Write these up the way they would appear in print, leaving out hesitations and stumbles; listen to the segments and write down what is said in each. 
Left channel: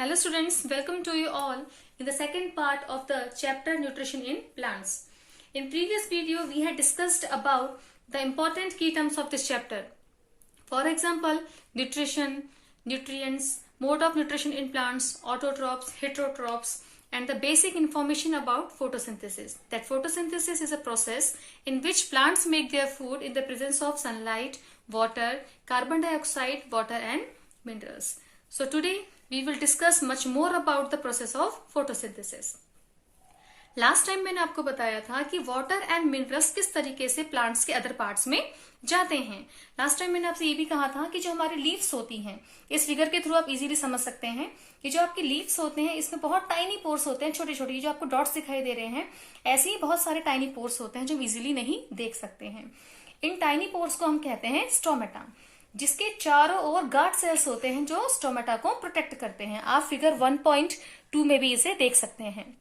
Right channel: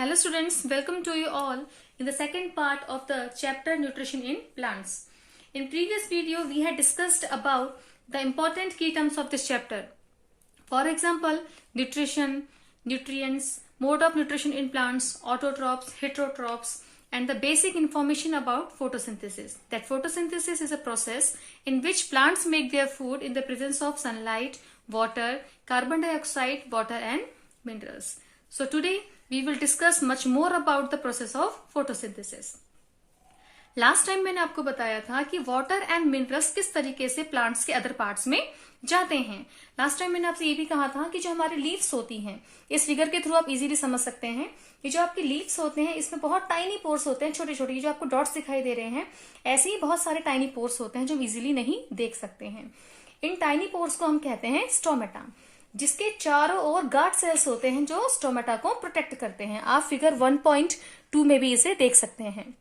Hello students, welcome to you all in the second part of the chapter Nutrition in Plants. In previous video, we had discussed about the important key terms of this chapter. For example, nutrition, nutrients, mode of nutrition in plants, autotrophs, heterotrophs, and the basic information about photosynthesis. That photosynthesis is a process in which plants make their food in the presence of sunlight, water, carbon dioxide, water and minerals. So today we will discuss much more about the process of photosynthesis. Last time मैंने आपको बताया था कि water and minerals किस तरीके से plants के other parts में जाते हैं. लास्ट टाइम मैंने आपसे ये भी कहा था कि जो हमारी लीव्स होती हैं, इस फिगर के थ्रू आप इजीली समझ सकते हैं. ये जो आपकी लीव्स होते हैं इसमें बहुत टाइनी पोर्स होते हैं, छोटे छोटे. जो आपको डॉट्स दिखाई दे रहे हैं ऐसे ही बहुत सारे टाइनी पोर्स होते हैं जो इजीली नहीं देख सकते हैं. इन टाइनी पोर्स को हम कहते हैं स्टोमेटा, जिसके चारों ओर गार्ड सेल्स होते हैं जो स्टोमेटा को प्रोटेक्ट करते हैं. आप फिगर 1.2 में भी इसे देख सकते हैं.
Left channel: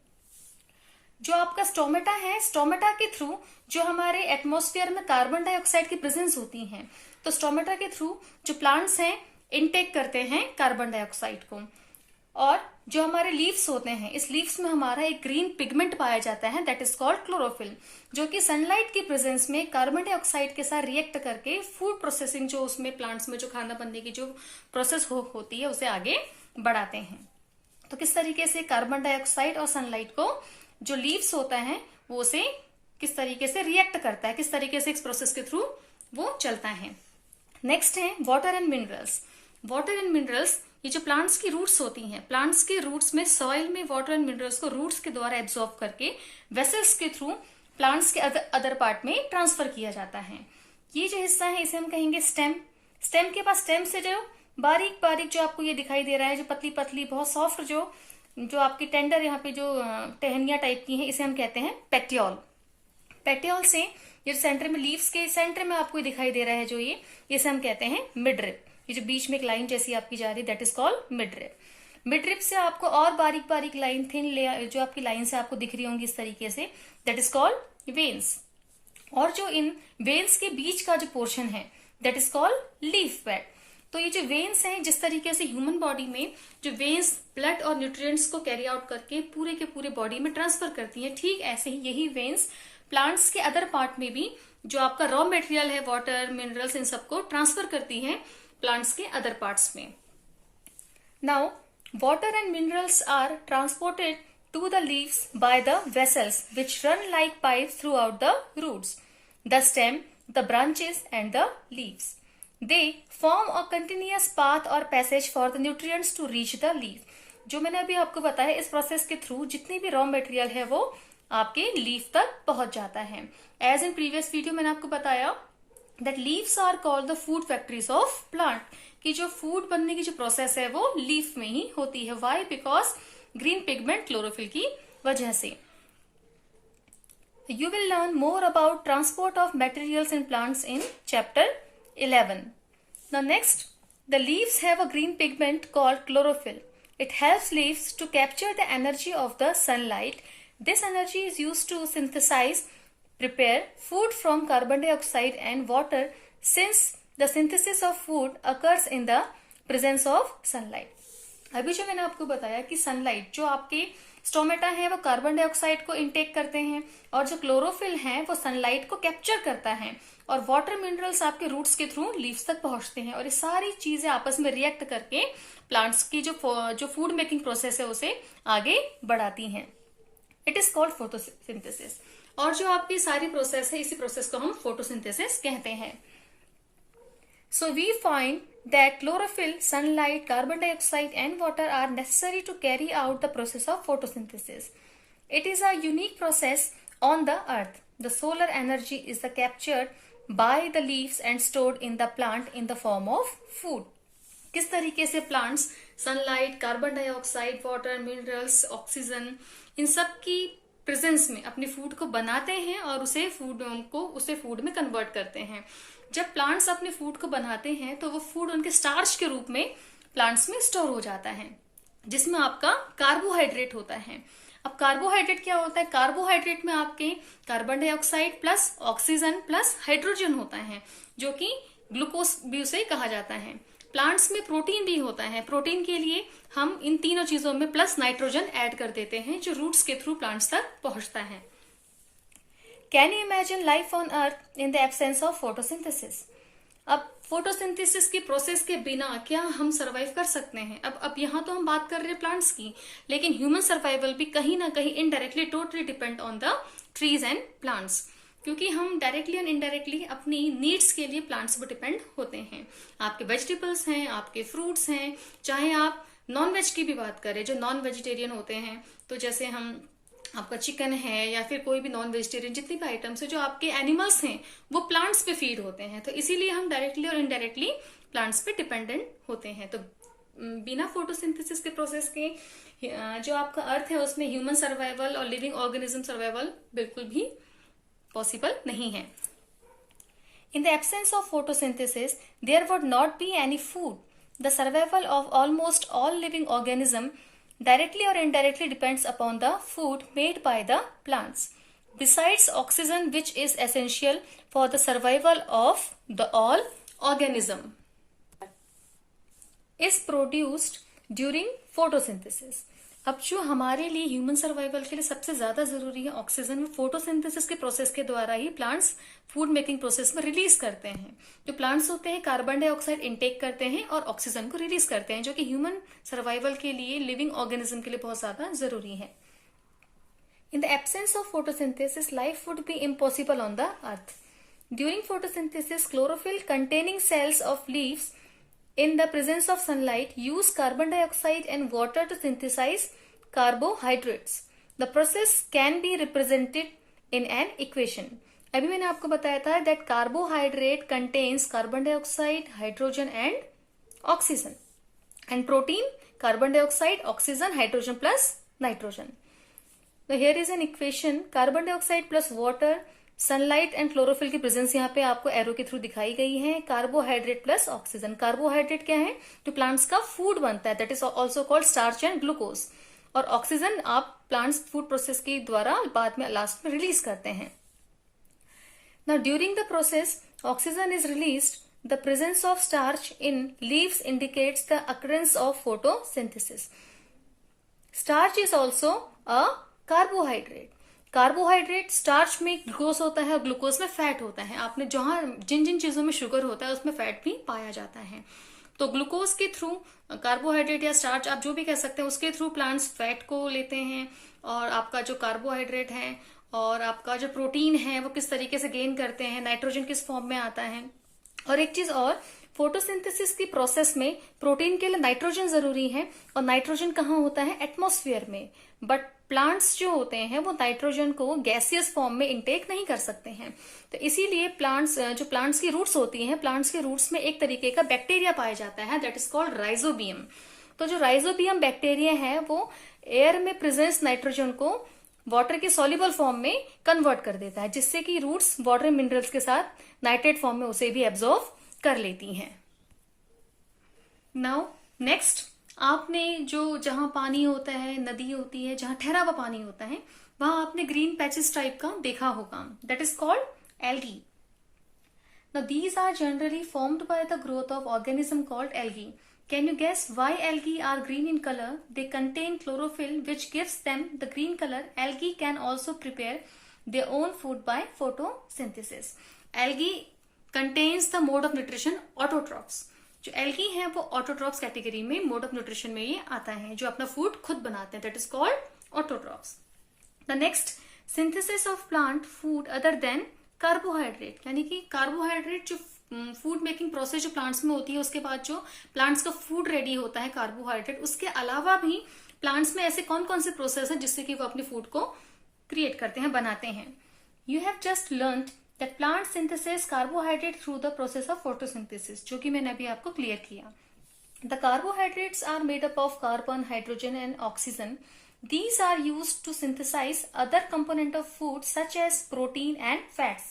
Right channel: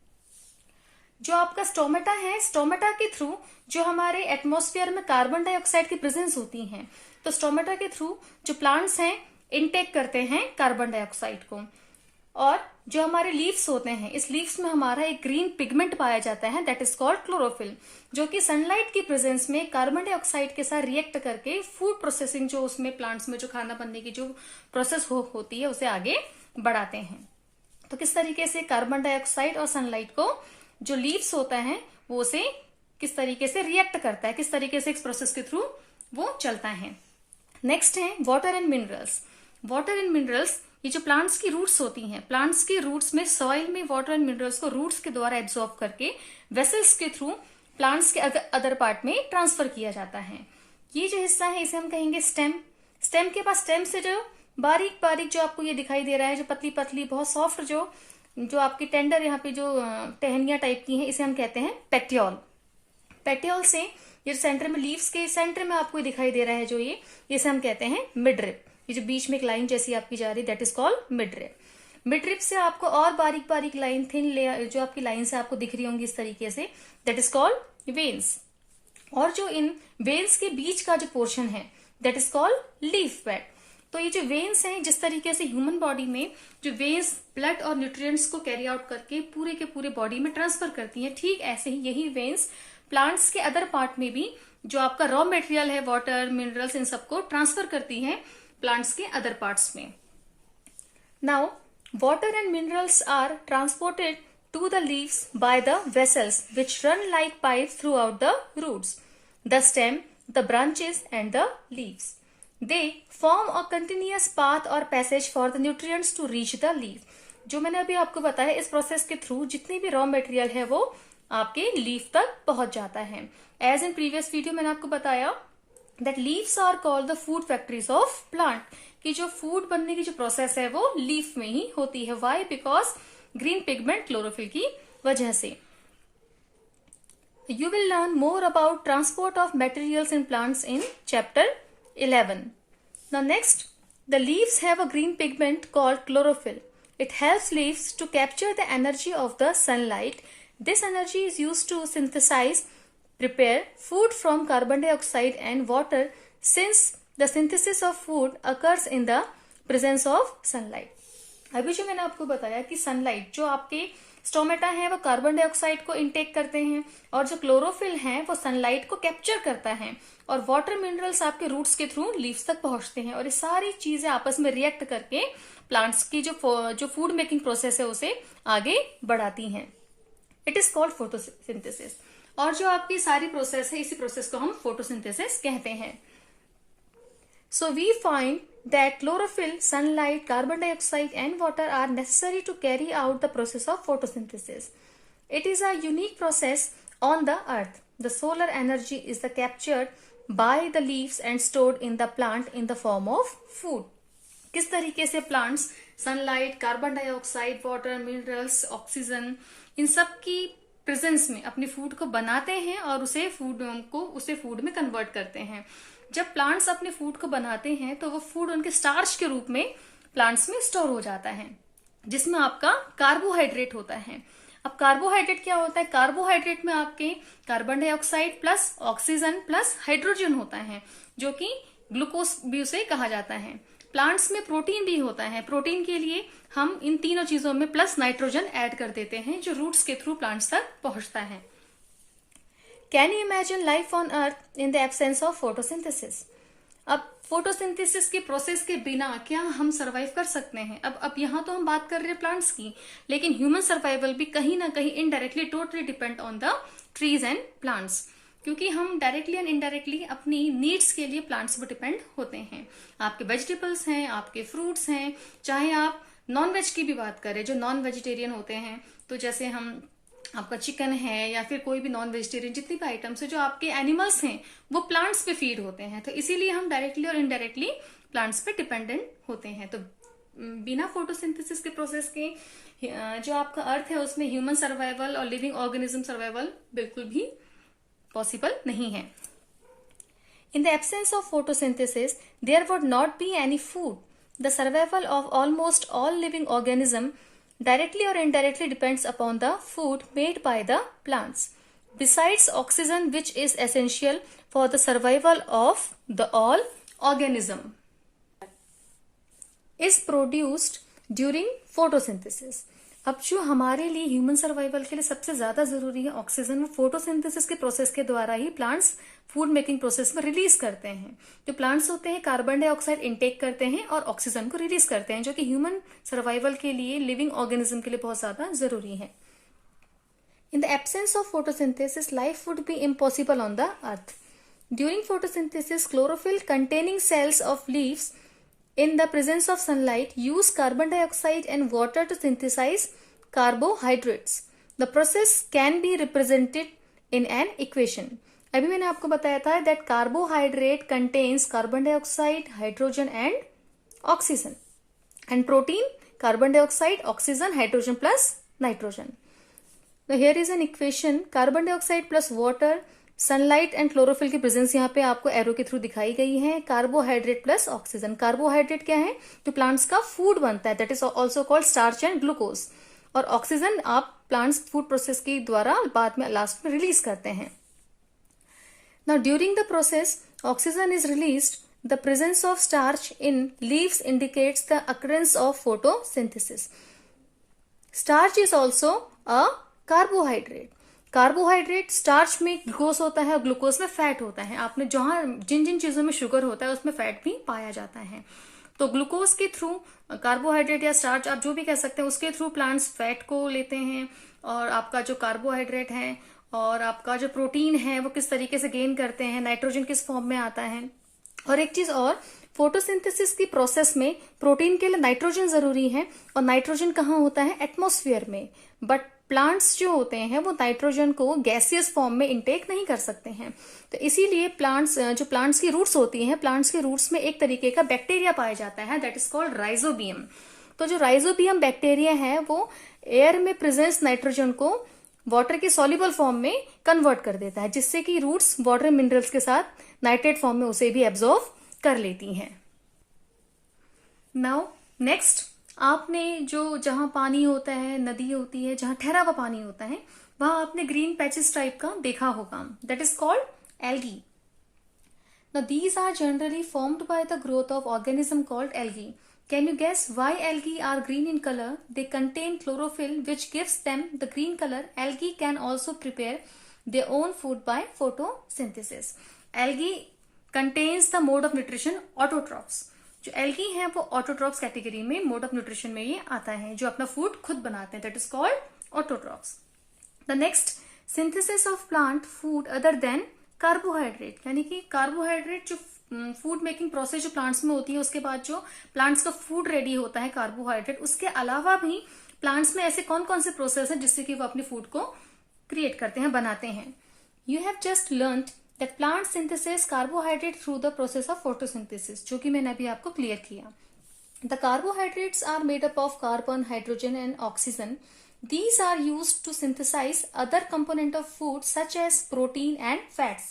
जो आपका स्टोमेटा है, स्टोमेटा के थ्रू जो हमारे एटमॉस्फेयर में कार्बन डाइऑक्साइड की प्रेजेंस होती है, तो स्टोमेटा के थ्रू जो प्लांट्स हैं इनटेक करते हैं कार्बन डाइऑक्साइड को. और जो हमारे लीव्स होते हैं, इस लीव्स में हमारा एक ग्रीन पिगमेंट पाया जाता है, दैट इज कॉल्ड क्लोरोफिल, जो कि सनलाइट की प्रेजेंस में कार्बन डाइऑक्साइड के साथ रिएक्ट करके फूड प्रोसेसिंग, जो उसमें प्लांट्स में जो खाना बनने की जो प्रोसेस होती है उसे आगे बढ़ाते हैं. तो किस तरीके से कार्बन डाइऑक्साइड और सनलाइट को जो लीव्स होता है वो उसे किस तरीके से रिएक्ट करता है, किस तरीके से इस प्रोसेस के थ्रू वो चलता है. नेक्स्ट है water and minerals. Water and minerals, ये जो प्लांट्स की रूट्स होती हैं, प्लांट्स के रूट्स में सॉइल में वाटर एंड मिनरल्स को रूट्स के द्वारा एब्जॉर्ब करके वेसल्स के थ्रू प्लांट्स के अदर पार्ट में ट्रांसफर किया जाता है. ये जो हिस्सा है इसे हम कहेंगे स्टेम. स्टेम के पास, स्टेम से जो बारीक बारीक जो आपको ये दिखाई दे रहा है, जो पतली पतली बहुत सॉफ्ट जो आपकी टेंडर यहाँ पे जो टहनियां टाइप की हैं, इसे हम कहते हैं पेटियोल. पेटियोल से ये सेंटर में, लीव्स के सेंटर में आपको दिखाई दे रहा है जो ये, इसे हम कहते हैं मिडरिप. ये जो बीच में एक लाइन जैसी आपकी जा रही है, that is called midrib. Midrib से आपको और बारीक बारीक लाइन, थिन लेयर जो आपकी लाइन से आपको दिख रही होंगी इस तरीके से, दैट इज कॉल्ड वेन्स. और जो इन वेन्स के बीच का जो पोर्शन है that is called leaf bed. तो ये जो वेन्स हैं, जिस तरीके से ह्यूमन बॉडी में जो वेन्स ब्लड और न्यूट्रिएंट्स को कैरी आउट करके पूरे के पूरे बॉडी में ट्रांसफर करती है, ठीक ऐसे ही यही वेन्स प्लांट्स के अदर पार्ट में भी जो आपका रॉ मटेरियल है, वाटर, मिनरल्स, इन सबको ट्रांसफर करती है प्लांट्स के अदर पार्ट्स में. Now water and minerals are transported to the leaves by the vessels which run like pipes throughout the roots, the stem, the branches and the leaves. They form a continuous path or passage for the nutrients to reach the leaf. जो मैंने अभी आपको बताया, इस process के through जितनी भी raw material है वो आपके लीफ तक पहुंच जाता है. एज इन प्रीवियस वीडियो मैंने आपको बताया that leaves are called the food factories of plant, कि जो फूड बनने की जो प्रोसेस है वो लीफ में ही होती है. Why? Because green pigment chlorophyll की वजह से. You will learn more about transport of materials in plants in chapter 11. Now next, the leaves have a green pigment called chlorophyll. It helps leaves to capture the energy of the sunlight. This energy is used to synthesize, prepare food from carbon dioxide and water, since the synthesis of food occurs in the presence of sunlight. अभी जो मैंने आपको बताया कि sunlight, जो आपके stomata है वो कार्बन डाइऑक्साइड को इनटेक करते हैं, और जो क्लोरोफिल है वो सनलाइट को कैप्चर करता है, और वाटर मिनरल्स आपके रूट्स के थ्रू लीव्स तक पहुंचते हैं, और ये सारी चीजें आपस में रिएक्ट करके प्लांट्स की जो फूड मेकिंग प्रोसेस है उसे आगे बढ़ाती हैं. It is called photosynthesis. और जो आपकी सारी प्रोसेस है, इसी प्रोसेस को हम फोटोसिंथेसिस कहते हैं. So we find that chlorophyll, sunlight, carbon dioxide and water are necessary to carry out the process of photosynthesis. It is a unique process on the earth. The solar energy is captured by the leaves and stored in the plant in the form of food. किस तरीके से plants sunlight, carbon dioxide, water, minerals, oxygen, इन सब की presence में अपने food को बनाते हैं और उसे फूड में कन्वर्ट करते हैं. जब प्लांट्स अपने फूड को बनाते हैं तो वो फूड उनके स्टार्च के रूप में प्लांट्स में स्टोर हो जाता है, जिसमें आपका कार्बोहाइड्रेट होता है. अब कार्बोहाइड्रेट क्या होता है? कार्बोहाइड्रेट में आपके carbon dioxide plus oxygen plus hydrogen होता है, जो कि ग्लूकोज भी उसे कहा जाता है. प्लांट्स में प्रोटीन भी होता है. प्रोटीन के लिए हम इन तीनों चीजों में प्लस नाइट्रोजन ऐड कर देते हैं जो रूट्स के थ्रू प्लांट्स तक पहुंचता है। Can you imagine life on earth in the absence of photosynthesis? अब फोटोसिंथेसिस की प्रोसेस के बिना क्या हम सरवाइव कर सकते हैं? अब यहाँ तो हम बात कर रहे हैं प्लांट्स की, लेकिन ह्यूमन सर्वाइवल भी कहीं ना कहीं indirectly totally depend on the trees and plants, क्योंकि हम डायरेक्टली एंड इनडायरेक्टली अपनी नीड्स के लिए प्लांट्स पर डिपेंड होते हैं। आपके वेजिटेबल्स हैं, आपके फ्रूट्स हैं, चाहे आप नॉन वेज की भी बात करें, जो नॉन वेजिटेरियन होते हैं, तो जैसे हम आपका चिकन है या फिर कोई भी नॉन वेजिटेरियन जितनी भी आइटम्स है, जो आपके एनिमल्स हैं वो प्लांट्स पे फीड होते हैं। तो इसीलिए हम डायरेक्टली और इनडायरेक्टली प्लांट्स पे डिपेंडेंट होते हैं। तो बिना फोटोसिंथेसिस के प्रोसेस के जो आपका अर्थ है उसमें ह्यूमन सर्वाइवल और लिविंग ऑर्गेनिज्म सर्वाइवल बिल्कुल भी पॉसिबल नहीं है। In the absence of photosynthesis, there would not be any food. The survival of almost all living organisms directly or indirectly depends upon the food made by the plants. Besides oxygen, which is essential for the survival of the all organism, is produced during photosynthesis. अब जो हमारे लिए human survival के लिए सबसे ज्यादा जरूरी है ऑक्सीजन, वो फोटोसिंथेसिस के प्रोसेस के द्वारा ही प्लांट्स फूड मेकिंग प्रोसेस में रिलीज करते हैं। जो प्लांट्स होते हैं कार्बन डाइऑक्साइड इनटेक करते हैं और ऑक्सीजन को रिलीज करते हैं, जो कि ह्यूमन सर्वाइवल के लिए, लिविंग ऑर्गेनिज्म के लिए बहुत ज्यादा जरूरी है। In the absence of photosynthesis, life would be impossible on the earth. During photosynthesis, chlorophyll containing cells of leaves in the presence of sunlight use carbon dioxide and water to synthesize carbohydrates. The process can be represented in an equation. अभी मैंने आपको बताया था that carbohydrate contains carbon dioxide, hydrogen and oxygen, and protein carbon dioxide, oxygen, hydrogen plus nitrogen. So here is an equation: carbon dioxide plus water, sunlight and chlorophyll की presence यहाँ पे आपको arrow के थ्रू दिखाई गई है। Carbohydrate plus oxygen. Carbohydrate क्या है? जो प्लांट्स का फूड बनता है, that is also called starch and glucose. और ऑक्सीजन आप प्लांट्स फूड प्रोसेस के द्वारा बाद में लास्ट में रिलीज करते हैं। Now during the process oxygen is released. The presence of starch in leaves indicates the occurrence of photosynthesis. Starch is also a carbohydrate. Carbohydrate, starch में glucose होता है और ग्लूकोज में फैट होता है। आपने जहां जिन जिन चीजों में शुगर होता है उसमें फैट भी पाया जाता है। तो ग्लूकोज के थ्रू कार्बोहाइड्रेट या स्टार्च आप जो भी कह सकते हैं, उसके थ्रू प्लांट्स फैट को लेते हैं। और आपका जो कार्बोहाइड्रेट है और आपका जो प्रोटीन है वो किस तरीके से गेन करते हैं, नाइट्रोजन किस फॉर्म में आता है। और एक चीज और, फोटोसिंथेसिस की प्रोसेस में प्रोटीन के लिए नाइट्रोजन जरूरी है, और नाइट्रोजन कहाँ होता है? एटमॉस्फेयर में। बट प्लांट्स जो होते हैं वो नाइट्रोजन को गैसियस फॉर्म में इंटेक नहीं कर सकते हैं। तो इसीलिए प्लांट्स की रूट्स होती हैं, प्लांट्स के रूट्स में एक तरीके का बैक्टीरिया पाया जाता है, दैट इज कॉल्ड राइजोबियम। तो जो राइजोबियम बैक्टीरिया है वो एयर में प्रेजेंस नाइट्रोजन को वाटर के सॉल्युबल फॉर्म में कन्वर्ट कर देता है, जिससे कि रूट्स वाटर मिनरल्स के साथ नाइट्रेट फॉर्म में उसे भी एब्जॉर्व कर लेती हैं। नाउ नेक्स्ट, आपने जो जहां पानी होता है, नदी होती है, जहां ठहरा हुआ पानी होता है, वहां आपने ग्रीन पैचेस टाइप का देखा होगा, that is called algae. Now these are generally formed by the growth of organism called algae. Can you guess why algae are green in color? They contain chlorophyll which gives them the green color. Algae can also prepare their own food by photosynthesis. Algae contains the mode of nutrition autotrophs. जो algae है वो autotrophs category में, mode of nutrition में ये आता है, जो अपना फूड खुद बनाते हैं, that is called autotrophs. The next, synthesis of plant food other than carbohydrate, यानी कि कार्बोहाइड्रेट जो फूड मेकिंग प्रोसेस जो प्लांट्स में होती है, उसके बाद जो प्लांट्स का फूड रेडी होता है कार्बोहाइड्रेट, उसके अलावा भी प्लांट्स में ऐसे कौन कौन से प्रोसेस है जिससे कि वो अपने फूड को क्रिएट करते हैं, बनाते हैं। You have just learned that plant synthesis carbohydrate through the process of photosynthesis, जो कि मैंने अभी आपको क्लियर किया। The carbohydrates are made up of carbon, hydrogen and oxygen. These are used to synthesize other component of food such as protein and fats.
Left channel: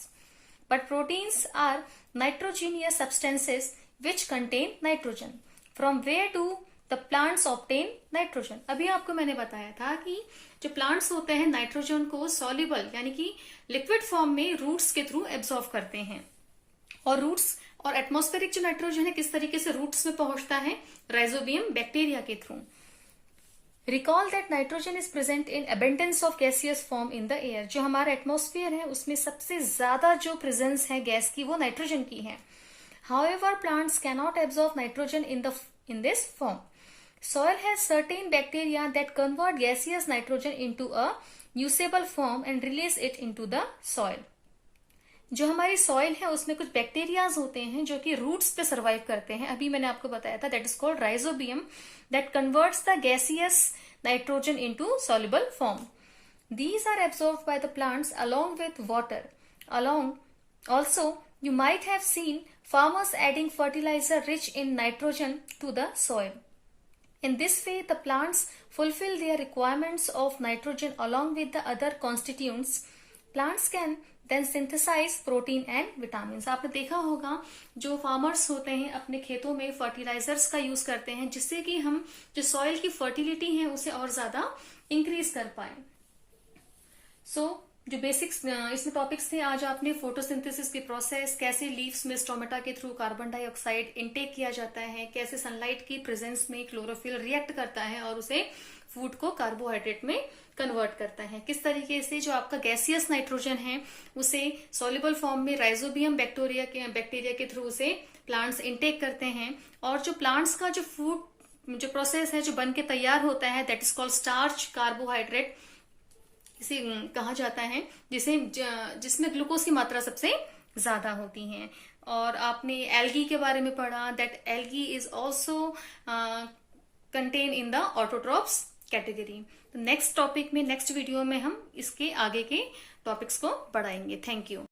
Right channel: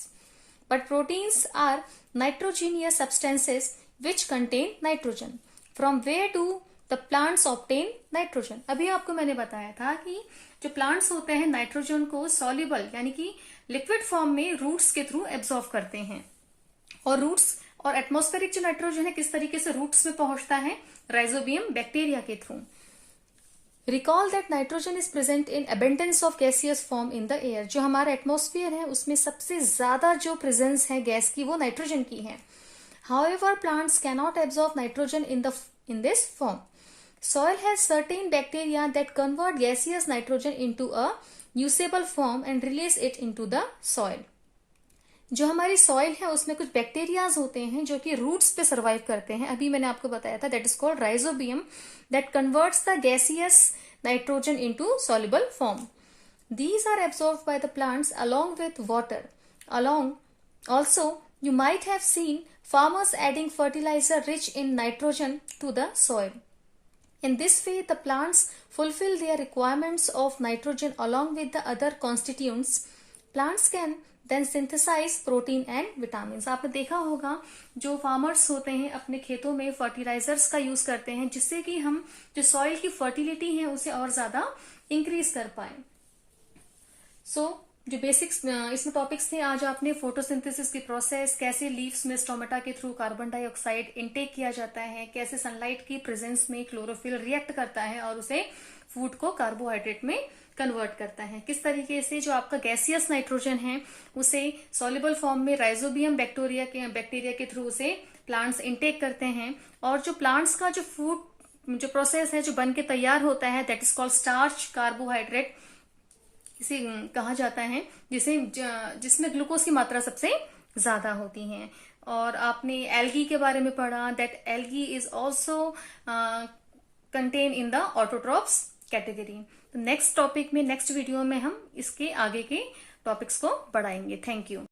But proteins are nitrogenous substances which contain nitrogen. From where do the plants obtain nitrogen? अभी आपको मैंने बताया था कि जो plants होते हैं nitrogen को सॉल्युबल यानी कि लिक्विड फॉर्म में रूट्स के थ्रू एब्जॉर्व करते हैं। और रूट्स और एटमॉस्फेरिक जो नाइट्रोजन है किस तरीके से रूट्स में पहुंचता है? राइजोबियम बैक्टीरिया के through. Recall that nitrogen is present in abundance of gaseous form in the air. जो हमारा एटमॉस्फेयर है उसमें सबसे ज्यादा जो प्रेजेंस है गैस की वो नाइट्रोजन की है। However, plants cannot absorb nitrogen in this form. Soil has certain bacteria that convert gaseous nitrogen into a usable form and release it into the soil. जो हमारी सॉइल है उसमें कुछ बैक्टीरियाज होते हैं जो कि रूट्स पे सर्वाइव करते हैं। अभी मैंने आपको बताया था, that is called rhizobium, that converts the gaseous nitrogen into soluble form. These are absorbed by the plants along with water. Also, you might have seen farmers adding fertilizer rich in nitrogen to the soil. In this way, the plants fulfill their requirements of nitrogen along with the other constituents. Plants can then synthesize protein and vitamins. आपने देखा होगा जो farmers होते हैं अपने खेतों में fertilisers का यूज करते हैं जिससे कि हम जो सॉइल की फर्टिलिटी है उसे और ज्यादा इंक्रीज कर पाए। जो बेसिक्स इसमें टॉपिक्स थे आज आपने फोटोसिंथेसिस की प्रोसेस, कैसे लीव्स में स्टोमेटा के थ्रू कार्बन डाइऑक्साइड इनटेक किया जाता है, कैसे सनलाइट की प्रेजेंस में क्लोरोफिल रिएक्ट करता है और उसे फूड को कार्बोहाइड्रेट में कन्वर्ट करता है, किस तरीके से जो आपका गैसियस नाइट्रोजन है उसे सॉल्युबल फॉर्म में राइजोबियम बैक्टीरिया के थ्रू उसे प्लांट्स इनटेक करते हैं, और जो प्लांट्स का जो फूड जो प्रोसेस है जो बन के तैयार होता है that is called starch carbohydrate इसे कहा जाता है, जिसमें ग्लूकोज की मात्रा सबसे ज्यादा होती है। और आपने एल्गी के बारे में पढ़ा, that algae is also contain in the autotrophs category. Next topic में नेक्स्ट वीडियो में हम इसके आगे के टॉपिक्स को बढ़ाएंगे। Thank you.